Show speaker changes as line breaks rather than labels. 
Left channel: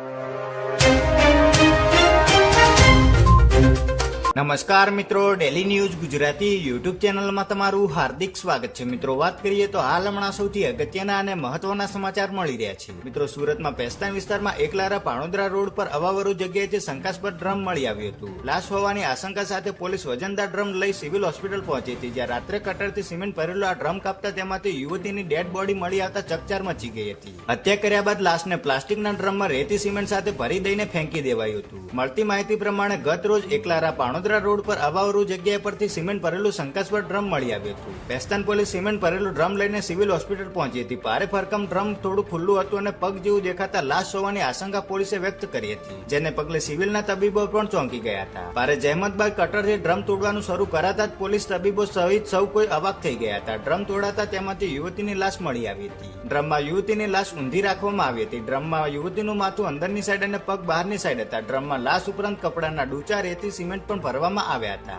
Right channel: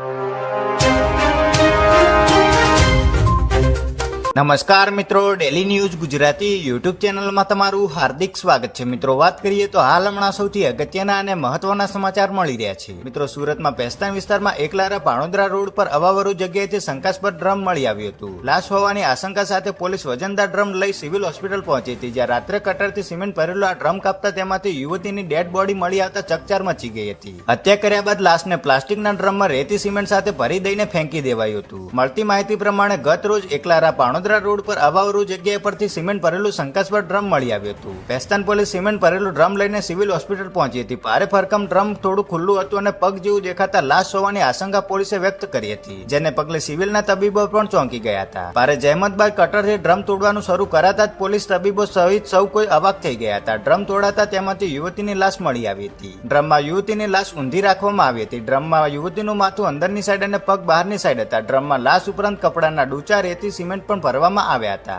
you. નમસ્કાર મિત્રો daily news Gujarati YouTube ચેનલમાં તમારું હાર્દિક સ્વાગત છે. મિત્રો, વાત કરીએ તો હાલ હમણાં સૌથી અગત્યના અને મહત્વના સમાચાર મળી રહ્યા છે. મિત્રો, સુરતમાં પેસ્તાન વિસ્તારમાં એકલારા પાણોદરા રોડ પર અવાવરુ જગ્યાએથી શંકાસ્પદ ડ્રમ મળી આવ્યું હતું. લાશ હોવાની આશંકા સાથે પોલીસ વજનદાર ડ્રમ લઈ સિવિલ હોસ્પિટલ પહોંચી હતી. જ્યાં રાત્રે કટરથી સિમેન્ટ ભરેલો આ ડ્રમ કાપતા તેમાંથી યુવતીની ડેડ બોડી મળી આવતા ચકચાર મચી ગઈ હતી. હત્યા કર્યા બાદ લાશને પ્લાસ્ટિકના ડ્રમમાં રેતી સિમેન્ટ સાથે ભરી દઈને ફેંકી દેવાયું હતું. મળતી માહિતી પ્રમાણે ગત રોજ એકલારા પાણોદરા રોડ પર અવાવરુ જગ્યા પરથી સિમેન્ટ ભરેલું શંકાસ્પદ ડ્રમ મળી આવ્યું હતું. પેસ્તાન પોલીસ સિમેન્ટ ભરેલું ડ્રમ લઈને સિવિલ હોસ્પિટલ પહોંચી હતી. ભારે ભરકમ ડ્રમ થોડું ખુલ્લું હતું અને પગ જેવું દેખાતા લાશ હોવાની આશંકા પોલીસે વ્યક્ત કરી હતી, જેને પગલે સિવિલના તબીબો પણ ચોંકી ગયા હતા. ભારે જહેમત કટરથી ડ્રમ તોડવાનું શરૂ કરાતા જ પોલીસ તબીબો સહિત સૌ કોઈ અવાક થઈ ગયા હતા. ડ્રમ તોડાતા તેમાંથી યુવતીની લાશ મળી આવી હતી. ડ્રમમાં યુવતીની લાશ ઊંધી રાખવામાં આવી હતી. ડ્રમમાં યુવતીનું માથું અંદરની સાઈડ અને પગ બહારની સાઈડ હતા. ડ્રમમાં લાશ ઉપરાંત કપડાના ડૂચા રેતી સિમેન્ટ પણ ભરવામાં આવ્યા
હતા.